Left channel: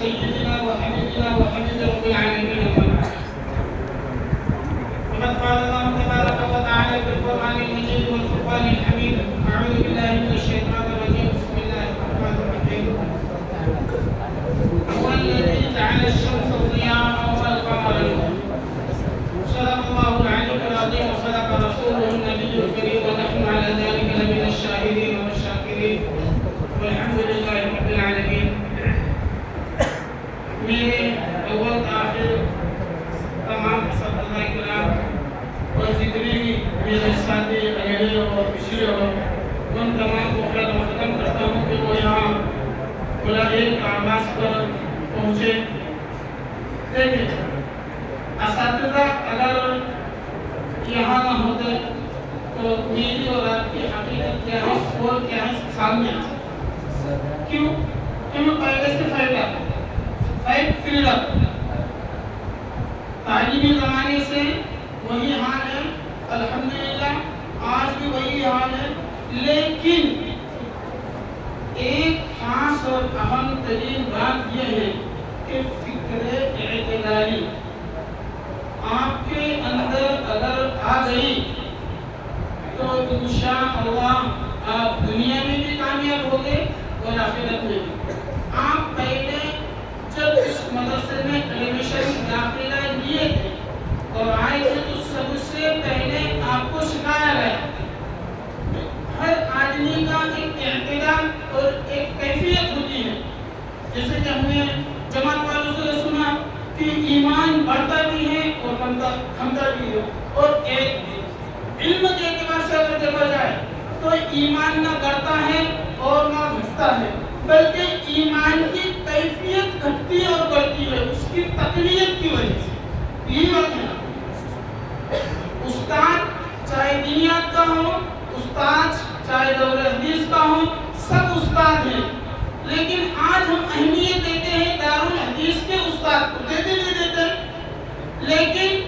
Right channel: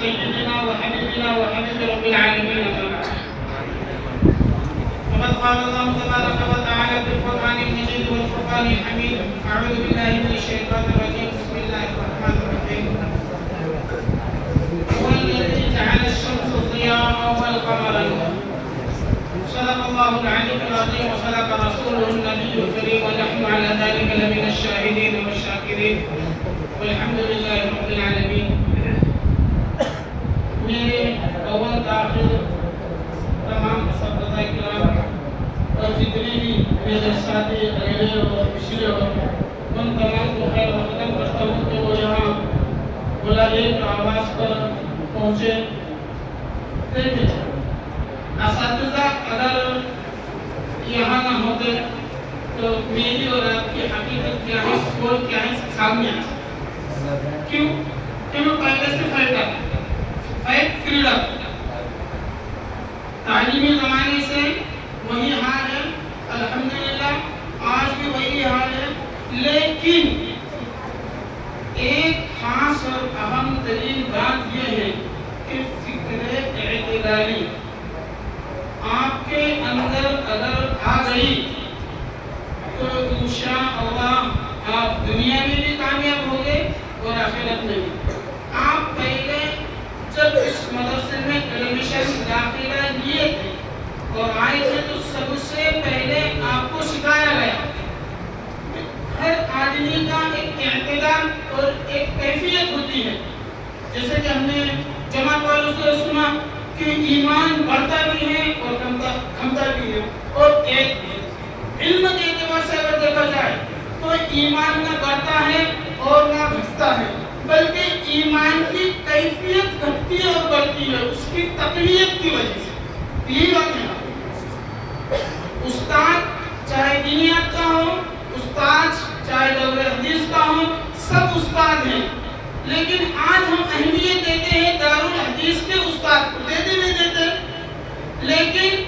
سيدنا وحبيبنا وحبيب رب العالمين وقد قال الله تبارك وتعالى في القرآن المجيد والفرقان الحميد أعوذ بالله من الشيطان الرجيم بسم الله الرحمن الرحيم هو الذي جعل الشمس ضياء والقمر نورا صدق الله العلي العظيم وصدق رسوله النبي الكريم ونحن على ذلك لمن الشاهدين والشاكرين والحمد لله رب العالمين. میرے اول آخر تمام اساتذہ کرام اور جتنے بھی میرے ساتھی اگلے اور پچھلے ہو ان تمام کو خیر مقدم کرتا ہوں کہ وہ یہاں بلائے آواز پر پہنچے. دیکھیں اساتذہ اگر یہاں نہ ہوتے تو میری اور آپ کی حقیقت کیا ہے اور کیا ہے سامنے کیوں پہلے سے فائدہ فریڈم تعلیمی زمانے سے وہی حال ہے. الحمدللہ آج بھی وہی حال ہے، لیکن ایک خاص اور اہم ترین بات یہ ہے کہ فکر اعتدالی آپ کے اندر اگر آ گئی تو انشاءاللہ آپ دنیا میں بھی کامیاب ہوگے اور آخرت میں بھی. آپ پہلے جب اس مدرسے میں ایڈمیشن داخلہ لیے تھے اور آئے تھے تو سب سے پہلے آپ کو سکھایا گیا ہر آدمی کا ایک اعتدال اور ایک کیفیت ہوتی ہے. جیسے کہ ہم نے جماعت والوں سے سنا کہ ایمان بڑھتا بھی ہے اور کمتا بھی ہے، اور ایک علم کے اعتبار سے اگر دیکھا جائے تو ایمان نہ بڑھتا ہے اور نہ گھٹتا ہے، بلکہ ایمان کی کیفیت گھٹتی ہے اور بڑھتی ہے اس کی تقویت کی وجہ سے. یہی بات ہے. استاد چاہے دینیات کا ہو، استاد چاہے دور حدیث کا ہو، سب استاد ہیں، لیکن آج ہم اہمیت دیتے ہیں دارالحدیث کے استاد کو، دیتے نہیں دیتے، لیکن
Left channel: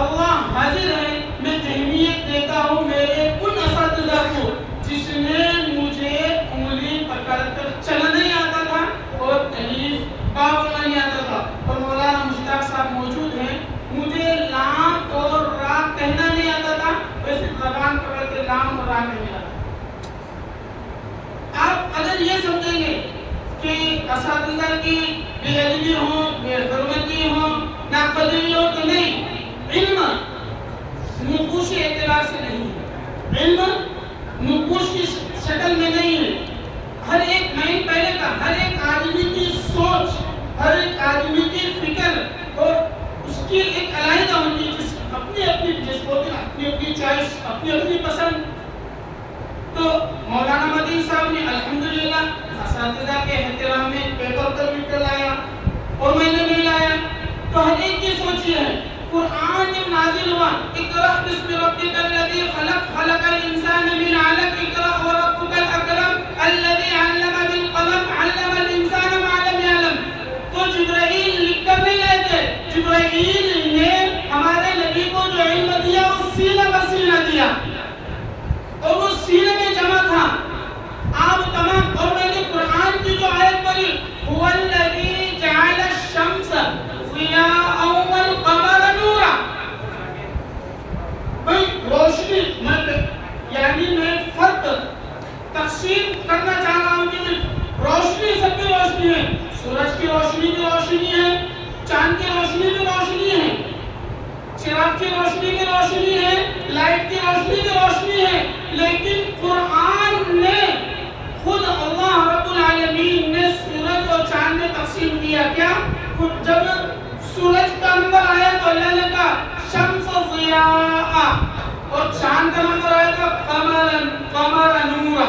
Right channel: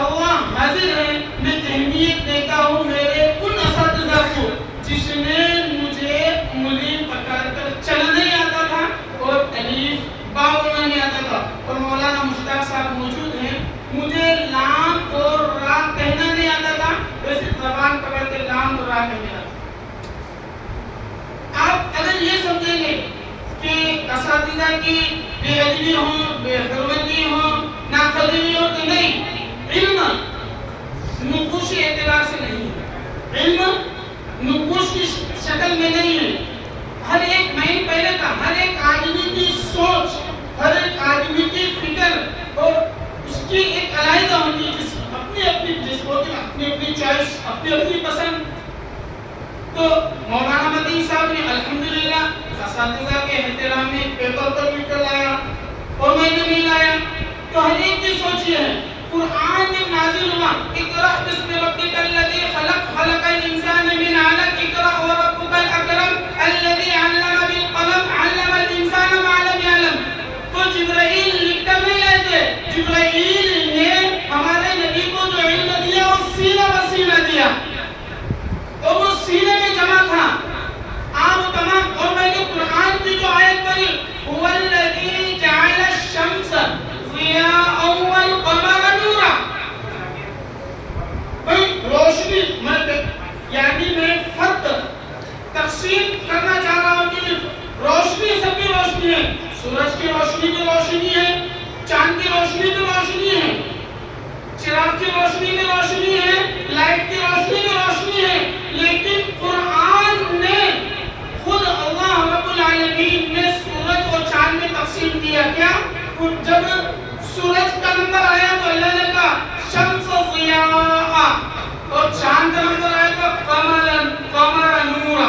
اللہ حاضر ہے میں اہمیت دیتا ہوں میرے ان اساتذہ کو جس نے مجھے انگلی پکڑ کر چلنا نہیں آتا تھا اور الف با بولنا نہیں آتا تھا، اور مولانا مشتاق صاحب موجود ہیں، مجھے لام اور را کہنا نہیں آتا تھا، ویسے زبان پکڑ کے لام اور را کہنے لگا. آپ اگر یہ سمجھیں گے کہ اساتذہ کی بے ادبی ہو، بے حرمتی ہو، ناقدری ہو تو نہیں. علم نقوش اعتبار سے نہیں ہے، علم نقوش کی شکل میں نہیں ہے. ہر ایک مائنڈ پہلے کا، ہر ایک آدمی کی سوچ، ہر ایک آدمی کی فکر اور اس کی ایک علیحدہ ہوتی ہے، اپنی اپنی اپنی اپنی چوائس، اپنی اپنی پسند. تو مولانا مدنی صاحب نے الحمدللہ اساتذہ کے احترام میں پیپر پر لکھ کر لایا اور میں نے نہیں لایا. تو ہر ایک کی سوچ یہ ہے. قرآن جب نازل ہوا اقرأ بسم ربک الذی خلق خلق الانسان من علق اقرأ وربک الاکرم الذی علم بالقلم علم الانسان ما لم يعلم. تو جبرائیل لکھ کر نہیں لائے تھے، جبرائیل نے ہمارے نبی کو جو علم دیا اور وہ سینے میں جمع تھا. آپ تمام اور میں نے قرآن کی جو آیت پڑھی هو الذی جعل الشمس ضیاء والقمر نورا. بھئی روشنی یعنی میں فرق تقسیم کرنا چاہ رہا ہوں کہ روشنی سب کی روشنی ہے. سورج کی روشنی بھی روشنی ہے, چاند کی روشنی بھی روشنی ہے, چراغ کی روشنی بھی روشنی ہے, لائٹ کی روشنی بھی روشنی ہے. لیکن قرآن نے خود اللہ رب العالمین نے سورج اور چاند میں تقسیم کیا. کیا؟ جب سورج کا نمبر آیا تو اللہ نے کہا شمس ضیاء, اور چاند کا نمبر آیا تو قمر نورا.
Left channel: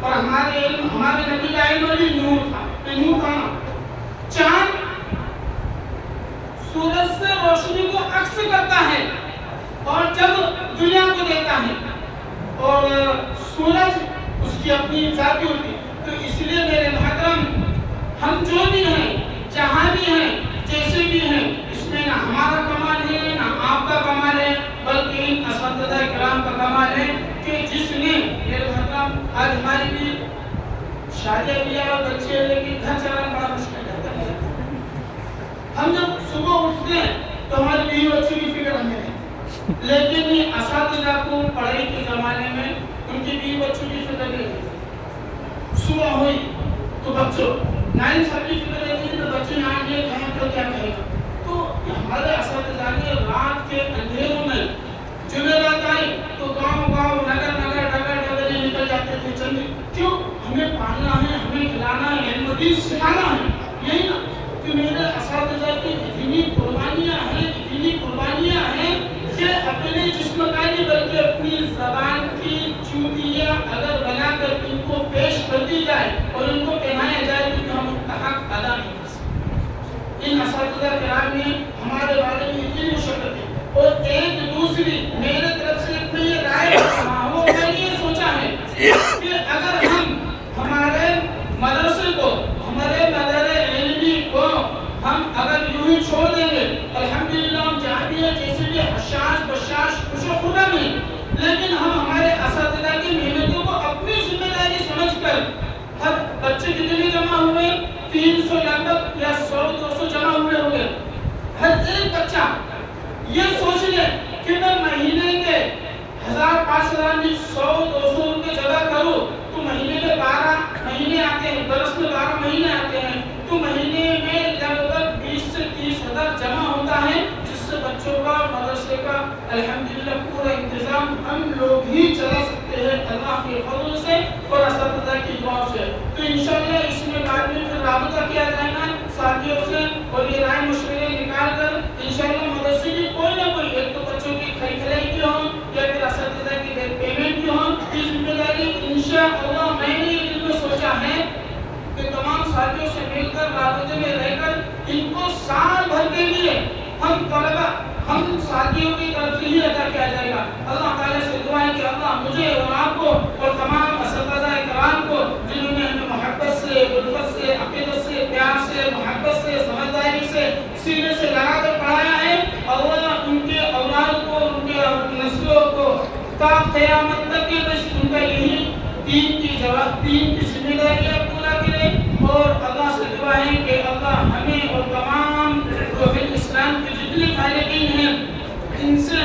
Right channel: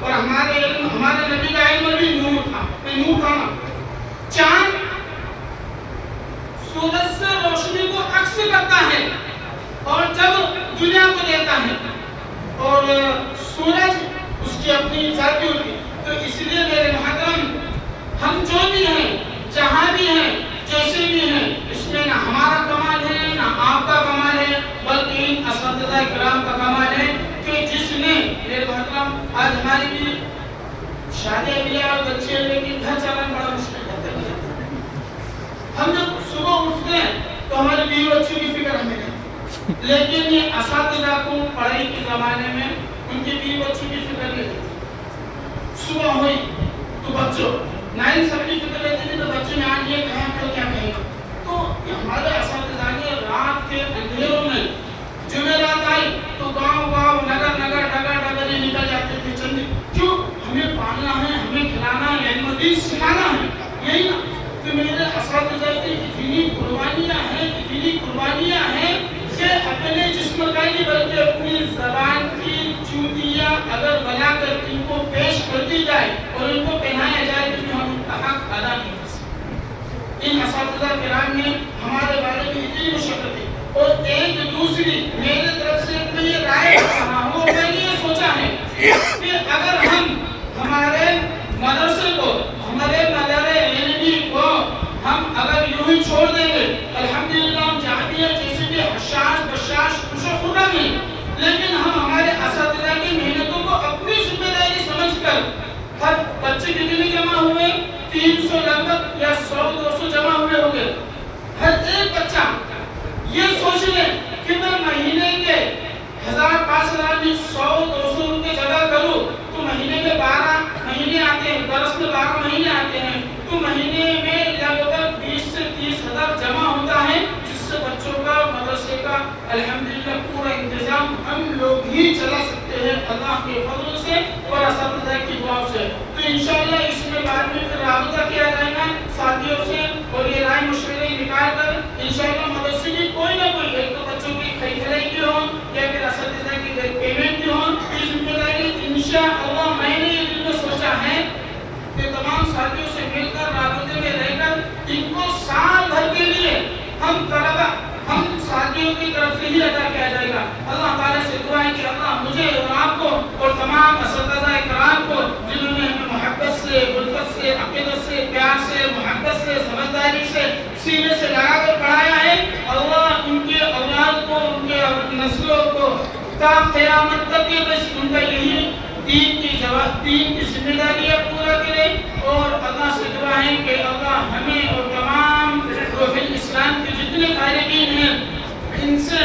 اور ہمارے نبی کا علم بھی نور تھا. نور تھا نا. چاند سورج سے روشنی کو عکس کرتا ہے اور جب دنیا کو دیتا ہے, اور سورج اس کی اپنی ذاتی ہوتی ہے. تو اس لیے میرے محترم, ہم جو بھی ہیں, جہاں بھی ہیں, جیسے بھی ہیں, اس میں نہ ہمارا کمال ہے نہ آپ کا کمال ہے, بلکہ ان اساتذہ کرام کا کمال ہے کہ جس نے میرے محترم آج ہماری بھی شادی بیاہ اور بچے ہیں, لیکن گھر چلانا بڑا مشکل ہے. ہم جب صبح اٹھتے ہیں تو ہمارے بیوی بچوں کی فکر ہمیں ہے, لیکن یہ اساتذہ کو پڑھائی کے زمانے میں ان کے بیوی بچوں کی فکر نہیں ہے. صبح ہوئی تو بچوں نائن سب کی فکر رہتی تھی, تو بچوں نے آج یہ کہیں تو کیا کہیں. تو ہمارے اساتذہ نے رات کے اندھیروں میں جمعرات آئی تو گاؤں نگر یہ نکل جاتے تھے. چند کیوں؟ ہمیں پالنا ہے, ہمیں کھلانا ہے, علم دین سکھانا ہے. یہی نا کہ میرے اساتذہ کی اتنی قربانیاں ہیں کہ اپنے جسم کا نہیں بلکہ اپنی زبان کی چوٹیاں اگر بنا کر ان کو پیش کر دی جائے اور ان کو پہنایا جائے تو ہم ان کا حق ادا نہیں کر سکتے. ان اساتذہ کرام نے ہمارے بارے میں اتنی مشقت ہے. اور ایک دوسری میرے طرف سے میں یہ رائے کر رہا ہوں, اور میں نے یہ سوچا ہے کہ اگر ہم ہمارے مدرسے کو, ہمارے مدارے علمی کو ہم اگر یوں ہی چھوڑ دیں گے, الحمدللہ ہم جامعہ جیسے کہ حشاش بشاش خوش و خرم ہیں, لیکن ہم ہمارے اساتذہ کی محنتوں کو اپنی ذمہ داری سمجھ کر, ہر بچے کتنے جمع ہوئے, 300 لگ بھگ یا 100-200 جمع ہوئے ہوں گے. ہر ایک بچہ یہ سوچ لے کہ میں مہینے کے 1000-5000 میں 100-200 روپے جمع کروں تو مہینے میں 12 مہینے آتے ہیں, درس میں 12 مہینے آتے ہیں, تو مہینے میں لگ بھگ 20 سے 30 ہزار جمع ہوتا ہے, جس سے بچوں کا مدرسے کا الحمدللہ پورا انتظام ہم لوگ ہی چلا سکتے ہیں اللہ کے فضل سے اور اساتذہ کی دعا سے. تو انشاءاللہ اس میں بعد میں پھر رابطہ کیا جائے گا ساتھیوں سے, اور یہ رائے مشورے نکال کر انشاءاللہ مدرسے کی کوئی نہ کوئی, ایک تو بچوں کی خریدائی کی ہو یا پھر اساتذہ کی پیمنٹ کی ہو, یہ ذمہ داری انشاءاللہ میں نے یہ دل میں سوچا ہے کہ تمام ساتھیوں سے مل کر رابطے میں رہ کر ان کو سال بھر کے لیے ہم ساتھیوں کی طرف سے ہی ادا کیا جائے گا. اللہ تعالیٰ سے دعا ہے کہ اللہ مجھے اور آپ کو اور تمام اساتذہ کرام کو جنہوں نے ہمیں محبت سے, الفت سے, عقیدت سے, پیار سے, محبت سے, سمجھداری سے, سینے سے لگا کر پڑھایا ہے, اللہ ان کے اولاد کو, ان کے نسلوں کو تا قیامت تک کے بس ان کا یہی دین کی ذمہ داریاں پورا کرے. اور اللہ سے دعا ہے کہ اللہ ہمیں اور تمام اسلام کے جتنے فارغین ہیں ان سے